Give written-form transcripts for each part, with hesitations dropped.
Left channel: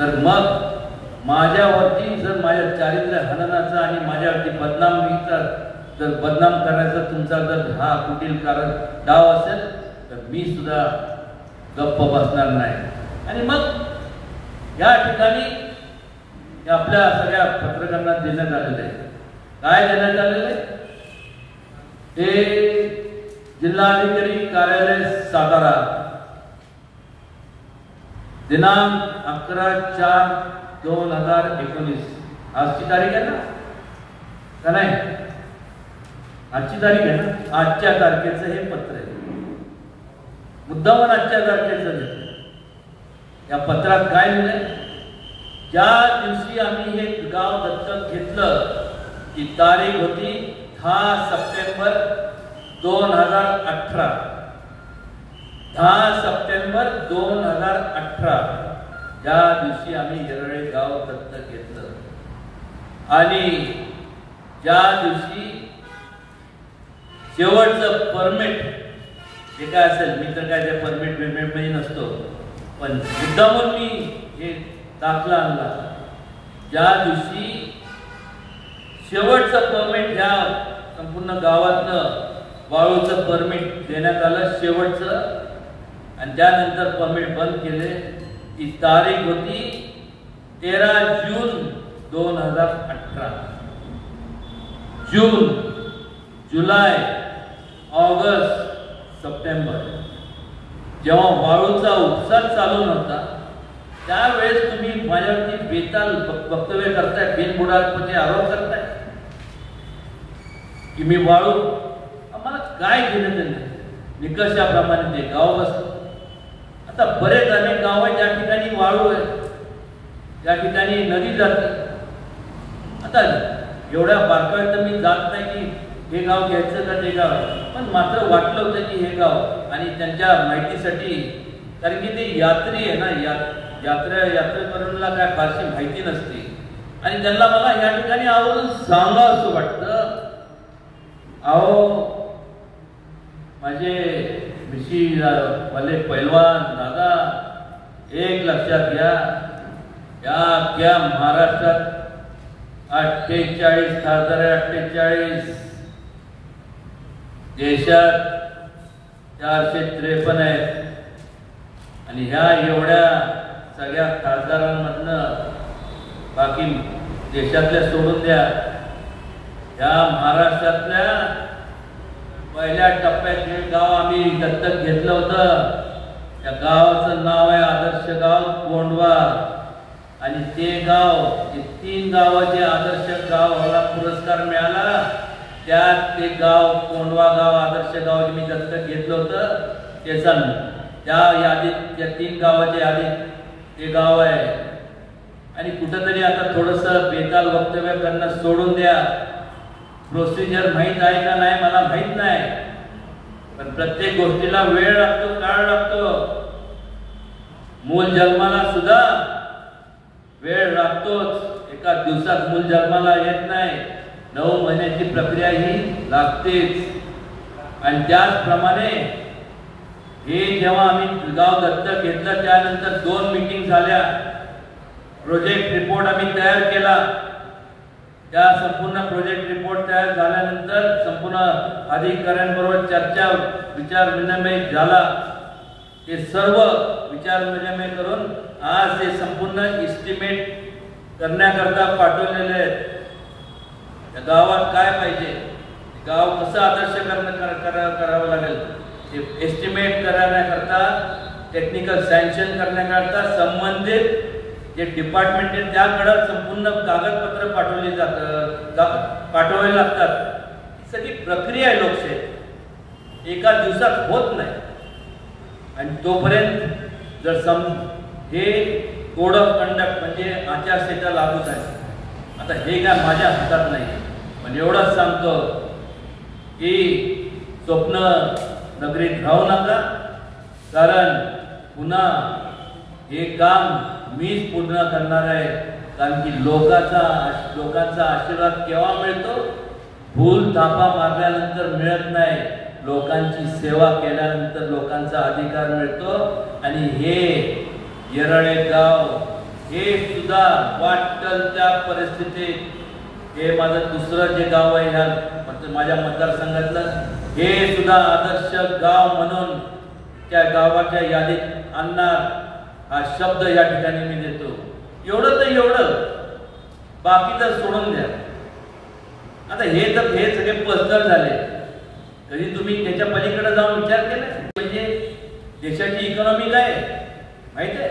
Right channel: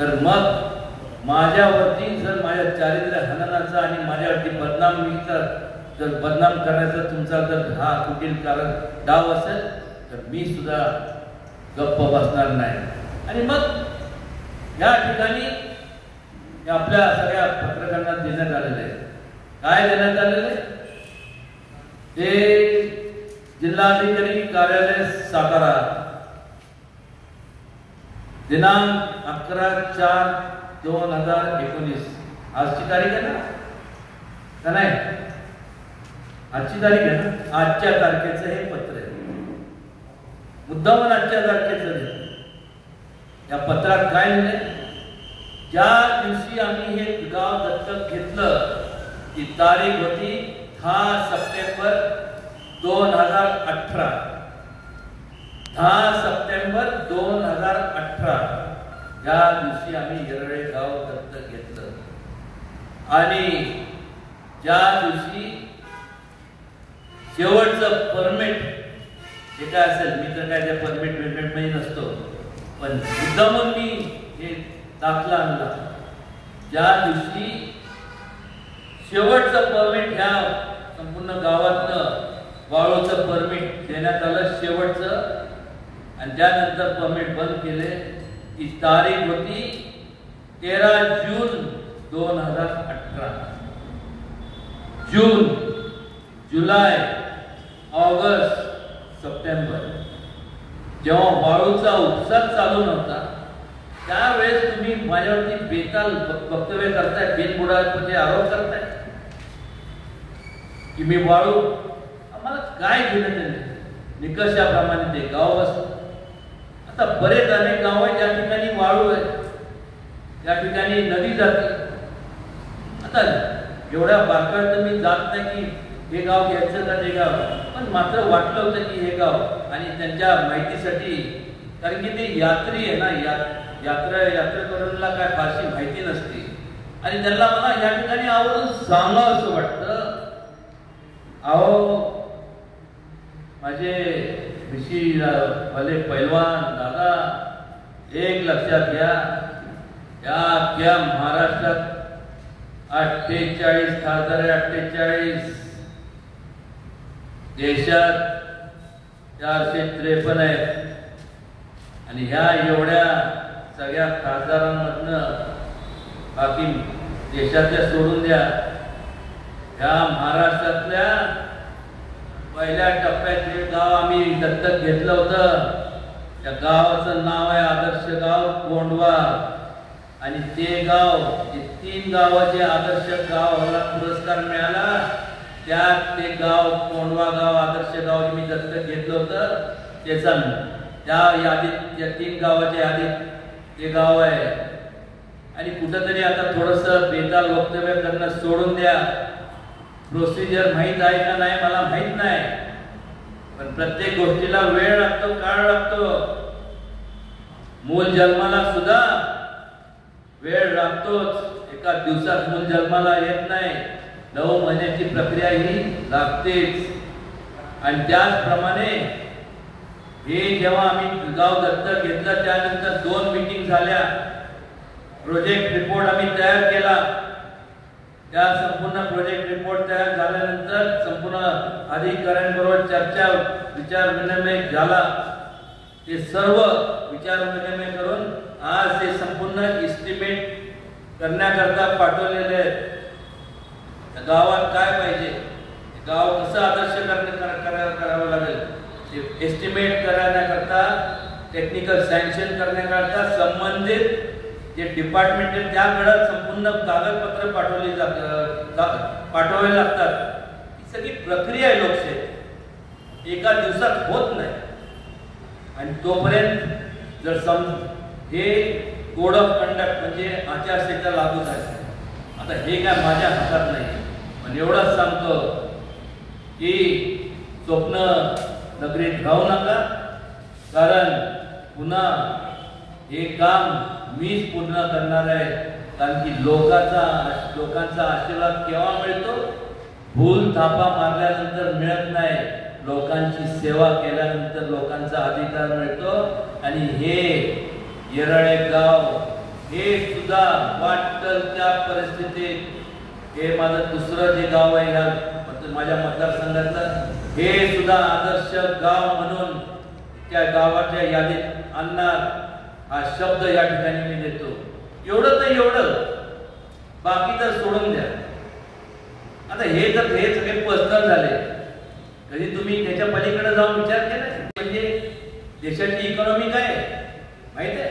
तर मग माझ्यावरती जर माझ्या चारित्र्य हननाचा आणि माझ्यावरती बदनामीचा जर बदनाम करण्याचा तुमचा जर हा कुटील कारण डाव असेल तर मी सुद्धा गप्प बसणार नाही. आणि मग या ठिकाणी आपल्या सगळ्या पत्रकारांना देण्यात आलेलं आहे. काय देण्यात आलेलं आहे ते जिल्हाधिकारी कार्यालय सातारा दिनांक 11/4/2019 आजची तारीख आहे ना का नाही? आजची तारीख आहे ना. आजच्या तारखेचं हे पत्र आहे. मुद्दामून आजच्या तारखेचं देतो. या पत्रात काय लिहिलंय? ज्या दिवशी आम्ही हे गाव दत्तक घेतलं ती तारीख होती 10 सप्टेंबर 2018. 10 सप्टेंबर 2018 या दिवशी आम्ही येरळे गाव दत्तक घेतलं आणि ज्या दिवशी शेवटचं परमिट जे काय असेल, मी तर काय ते परमिट मध्ये नसतो, पण मुद्दामून मी हे दाखला आणला. ज्या दिवशी शेवटचं परमिट ह्या संपूर्ण गावातनं वाळूचं परमिट देण्यात आलं शेवटचं, आणि त्यानंतर परमिट बंद केले. ती तारीख होती 13 जून 2018. जून, जुलै, ऑगस्ट, सप्टेंबर जेव्हा वाळूचा उपसा चालू नव्हता त्यावेळेस तुम्ही माझ्यावरती बेताल वक्तव्य करताय, बिनबुडाचे आरोप करताय की मी वाळू. आम्हाला काय घेणं त्यांनी निकषाप्रमाणे ते गाव बसतो. आता बरेच अनेक गाव आहेत ज्या ठिकाणी वाळू आहे, त्या ठिकाणी नदी जाते. आता एवढ्या बारकाईत मी जात नाही की हे गाव घ्यायचं का ते गाव, पण मात्र वाटलं होतं की हे गाव आणि त्यांच्या माहितीसाठी, कारण की ते यात्री आहे ना, यात्रेकरूंना काय फारशी माहिती नसते आणि त्यांना मला या ठिकाणी आवर्जून सांगावं असं वाटतं. अहो माझे भले पैलवान दादा, एक लक्षात घ्या, या महाराष्ट्रात 48 खासदार आहे. 48 देशात 453 आहेत आणि ह्या एवढ्या सगळ्या खासदारांमधनं बाकी देशातल्या सोडून द्या, ह्या महाराष्ट्रातल्या पहिल्या टप्प्यात जे गाव आम्ही दत्तक घेतलं होतं त्या गावाचं नाव आहे आदर्श गाव कोंडवा. आणि ते गाव, 3 गावाचे आदर्श गावाला पुरस्कार मिळाला, त्यात ते गाव कोंडवा गाव आदर्श गाव जे मी दत्तक घेतलं होतं त्याचा त्या यादीत, त्या 3 गावाच्या यादीत ते गाव आहे. आणि कुठंतरी आता थोडंसं बेताल वक्तव्य करणं सोडून द्या. प्रोसिजर माहीत आहे का नाही मला माहीत नाही, पण प्रत्येक गोष्टीला वेळ लागतो, काळ लागतो. मूल जन्माला सुद्धा वेळ लागतोच. एका दिवसात मूल जन्माला येत नाही, 9 महिन्याची प्रक्रिया ही लागतेच. आणि त्याचप्रमाणे हे जेव्हा आम्ही गाव दत्तक घेतलं त्यानंतर 2 मीटिंग झाल्या. प्रोजेक्ट रिपोर्ट आम्ही तयार केला. त्या संपूर्ण प्रोजेक्ट रिपोर्ट तयार झाल्यानंतर संपूर्ण अधिकाऱ्यांबरोबर चर्चा, विचार विनिमय झाला. ते सर्व विचार विनिमय करून आज ते संपूर्ण एस्टिमेट करण्याकरता पाठवलेले आहेत. त्या गावात काय पाहिजे, गाव कसं आदर्श करावं लागेल ते एस्टिमेट करण्याकरता, टेक्निकल सँक्शन करण्याकरता संबंधित जे डिपार्टमेंट आहे त्याकडे संपूर्ण कागदपत्र पाठवावे लागतात. ही सगळी प्रक्रिया आहे लोकशाहीत, एका दिवसात होत नाही. आणि तोपर्यंत जर हे कोड ऑफ कंडक्ट म्हणजे आचारसंहिता लागू झाली. आता हे काय माझ्या हातात नाही, पण एवढंच सांगतो की स्वप्न नगरीत राहू नका, कारण पुन्हा हे काम मीच पूर्ण करणार आहे. कारण की लोकांचा आशीर्वाद केव्हा मिळतो? भूल थापा मारल्यानंतर मिळत नाही, लोकांची सेवा केल्यानंतर लोकांचा अधिकार मिळतो. आणि हे येरळे गाव हे सुद्धा वाटेल त्या परिस्थितीत, हे माझं दुसरं जे गाव आहे ह्या माझ्या मतदारसंघातलं, हे सुद्धा आदर्श गाव म्हणून त्या गावाच्या यादीत आणणार हा शब्द या ठिकाणी मी देतो. एवढं तर एवढं, बाकी तर सोडून द्या. आता हे सगळे पर्सनल झाले. कधी तुम्ही त्याच्या पलीकडे जाऊन विचार केला म्हणजे देशाची इकॉनॉमी काय माहित आहे?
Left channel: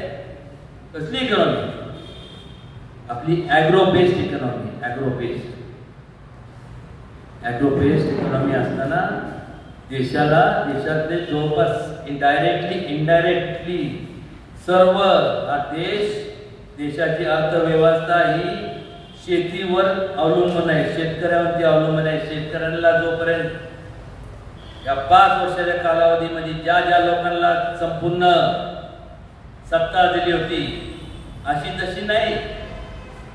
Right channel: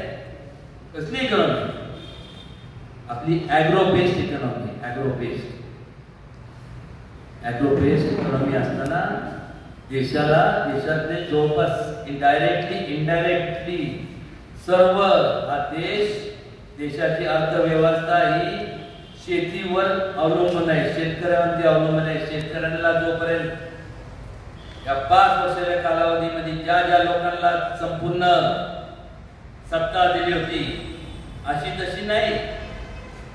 कसली इकॉनॉमी? आपली agro based economy. Agro based economy असताना देशातले जवळपास इनडायरेक्टली सर्व हा देशाची अर्थव्यवस्था ही शेतीवर अवलंबून आहे, शेतकऱ्यांवरती अवलंबून आहे. शेतकऱ्यांना जोपर्यंत या 5 वर्षाच्या कालावधीमध्ये ज्या लोकांना संपूर्ण सत्ता दिली होती अशी तशी नाही,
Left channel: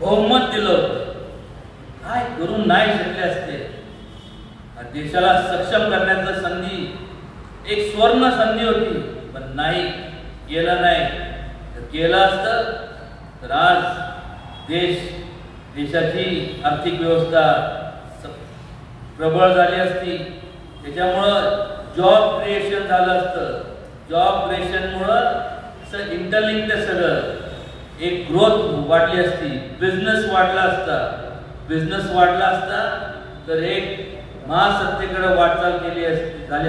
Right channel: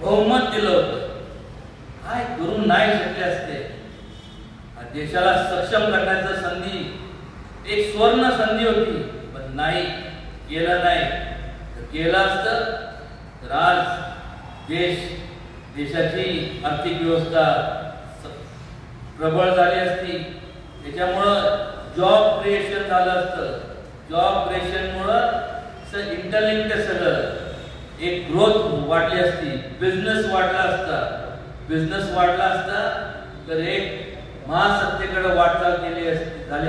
बहुमत दिलं होतं, काय करून नाही शकले असते. देशाला सक्षम करण्याची संधी, एक स्वर्ण संधी होती, पण नाही केलं. नाही केलं असतं तर आज देशाची आर्थिक व्यवस्था प्रबळ झाली असती. त्याच्यामुळं जॉब क्रिएशन झालं असतं. जॉब क्रिएशनमुळं इंटरलिंक्ड सगळं एक ग्रोथ वाढली असती, बिझनेस वाढला असता तर एक महासत्तेकडे वाटचाल झाली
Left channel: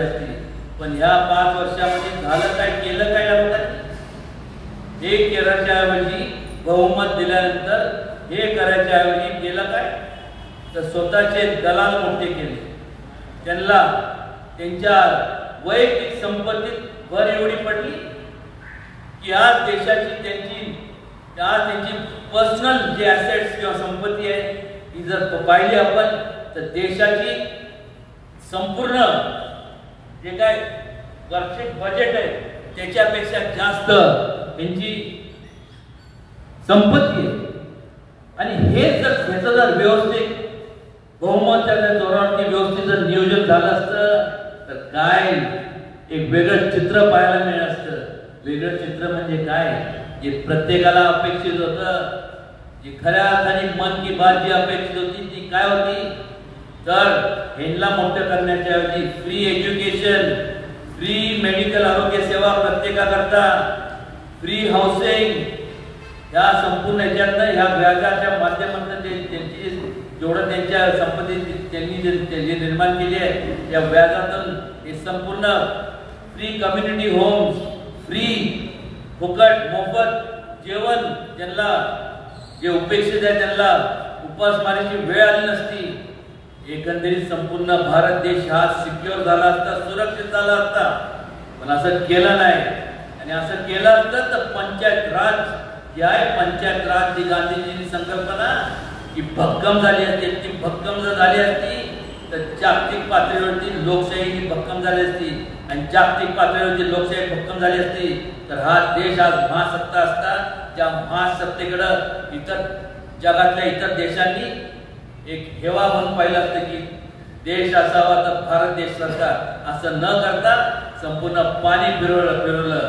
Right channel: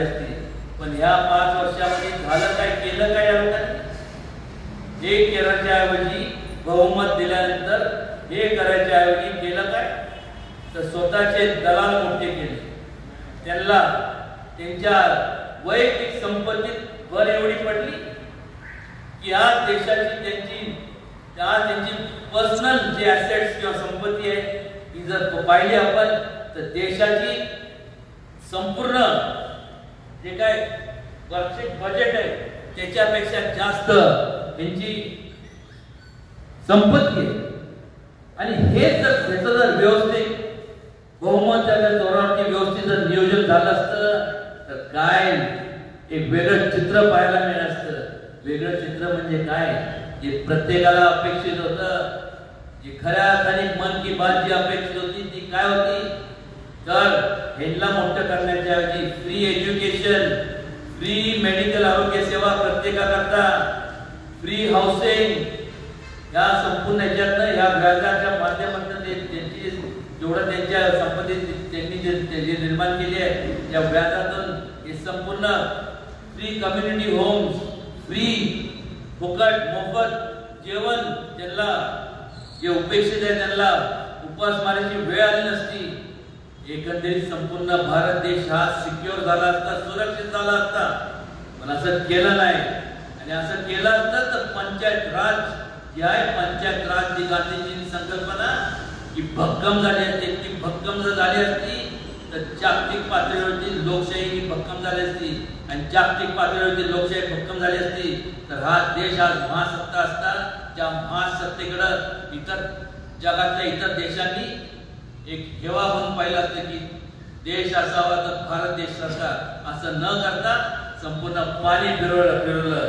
असती. पण ह्या 5 वर्षामध्ये झालं काय, केलं काय या लोकांनी? हे करायच्या ऐवजी बहुमत दिल्यानंतर हे करायच्या ऐवजी केलं काय तर स्वतःचे दलाल मोठे केले. त्यांना त्यांच्या वैयक्तिक संपत्तीत भर एवढी पडली की आज त्यांची पर्सनल जे ॲसेट्स किंवा संपत्ती आहे ही जर पाहिली आपण तर देशाची संपूर्ण जे काय वार्षिक बजेट आहे त्याच्यापेक्षा जास्त त्यांची संपत्ती आहे. आणि हे जर व्यवस्थित बहुमताच्या जोरावरती व्यवस्थित जर नियोजन झालं असतं तर काय एक वेगळं चित्र पाहायला मिळालं असतं. वेगळं चित्र म्हणजे काय, जे प्रत्येकाला अपेक्षित होतं, जी खऱ्या अर्थाने मन की बात जी अपेक्षित होती ती काय होती तर ह्यांना मोठं करण्याच्या ऐवजी फ्री एज्युकेशन, फ्री मेडिकल आरोग्य सेवा प्रत्येकाकरता, फ्री हाऊसिंग, या संपूर्ण ह्याच्यातनं ह्या व्याजाच्या माध्यमातून त्यांची जेवढं त्यांच्या संपत्ती त्यांनी जे निर्माण केली आहे या व्याजातून हे संपूर्ण फ्री कम्युनिटी होम्स, फ्री फुकट मोफत जेवण, ज्यांना जे उपेक्षित आहे त्यांना उपासमारीची वेळ आली नसती. एकंदरीत संपूर्ण भारत देश हा सिक्युअर झाला असता, सुरक्षित झाला असता. पण असं केलं नाही. आणि असं केलं असतं तर पंचायत राज जी आहे, पंचायत राज जी गांधीजींची संकल्पना ही भक्कम झाली असती. ती भक्कम जर झाली असती तर जागतिक पातळीवरती लोकशाही ही भक्कम झाली असती. आणि जागतिक पातळीवरती लोकशाही भक्कम झाली असती तर हा देश आज महासत्ता असता. ज्या महासत्तेकडं इतर जगातल्या इतर देशांनी एक हेवा म्हणून पाहिलं असतं की देश असावा तर भारत देश असा, असं न करता संपूर्ण पाणी फिरवलं.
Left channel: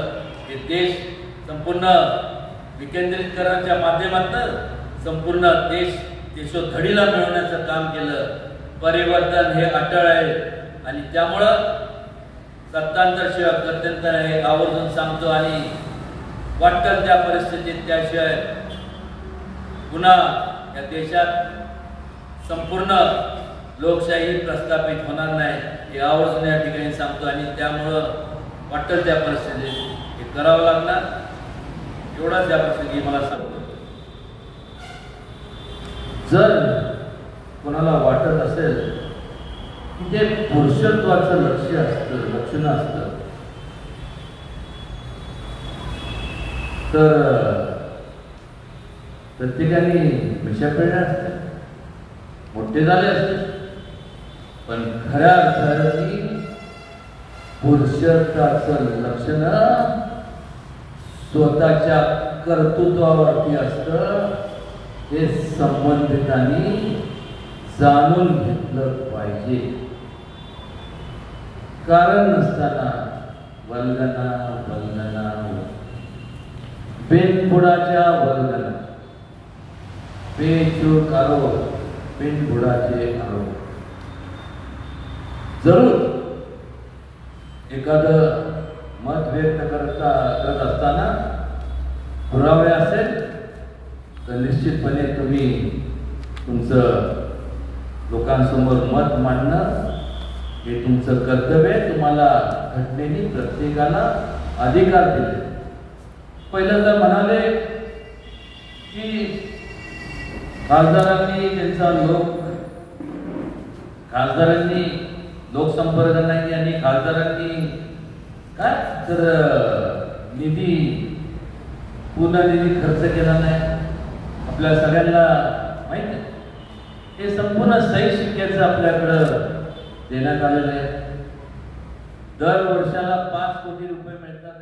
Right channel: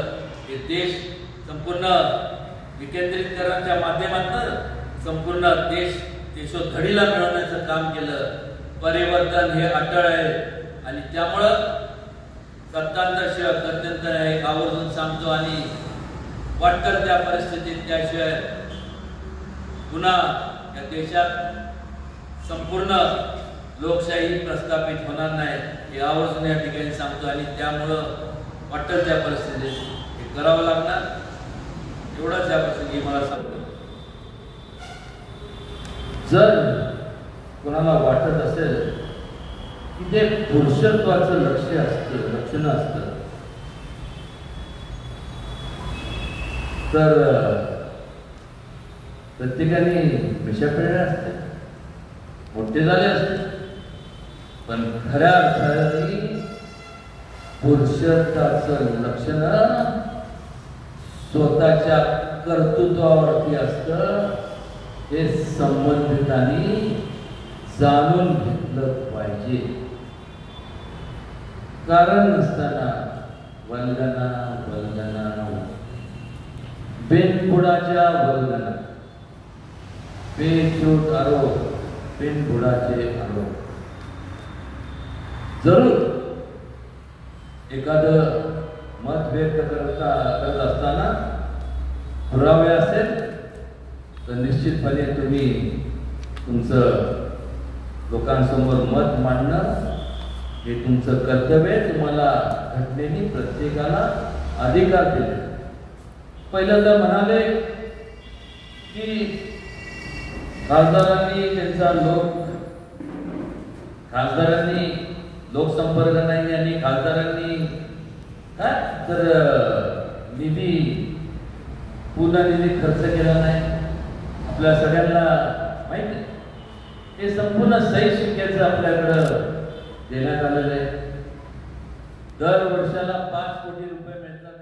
हे देश संपूर्ण विकेंद्रीकरणाच्या माध्यमातून संपूर्ण देशोधडीला मिळवण्याचं काम केलं. परिवर्तन हे अटळ आहे आणि त्यामुळं सत्तांतर शिवाय गत्यंतर आहे आवर्जून सांगतो. आणि वाटतं त्या परिस्थितीत त्याशिवाय पुन्हा या देशात संपूर्ण लोकशाही प्रस्थापित होणार नाही हे आवर्जून या ठिकाणी सांगतो. आणि त्यामुळं वाटतं त्या परिस्थितीत हे करावं लागणार. एवढाच या प्रसंगी मला सांगतो, जर कोणाला वाटत असेल की ते पुरुषत्वाचं लक्षण असतं तर प्रत्येकाने मिशा पिळल्या असते, मोठे झाले असते. पण खऱ्या अर्थाने पुरुषत्वाचं लक्षण स्वतःच्या कर्तृत्वावरती असतं. हे संबंधितांनी जाणून घेतलं पाहिजे. कारण नसताना वल्गना बिनबुडाच्या वल्गना बेछूट आरोप बिनबुडाचे आरोप. जरूर एखादं मत व्यक्त करत असताना पुरावे असेल तर निश्चितपणे तुम्ही तुमचं लोकांसमोर मत मांडणं हे तुमचं कर्तव्य आहे. तुम्हाला घटनेने प्रत्येकाला अधिकार दिले. पहिलं तर म्हणाले की खासदारांनी लोकसंपर्क नाही आणि खासदारांनी काय तर निधी पूर्ण निधी खर्च केला नाही. आपल्या सगळ्यांना माहित आहे हे संपूर्ण सही शिक्क्याचं आपल्याकडं देण्यात आलेलं आहे. दर वर्षाला 5 कोटी रुपये मिळतात.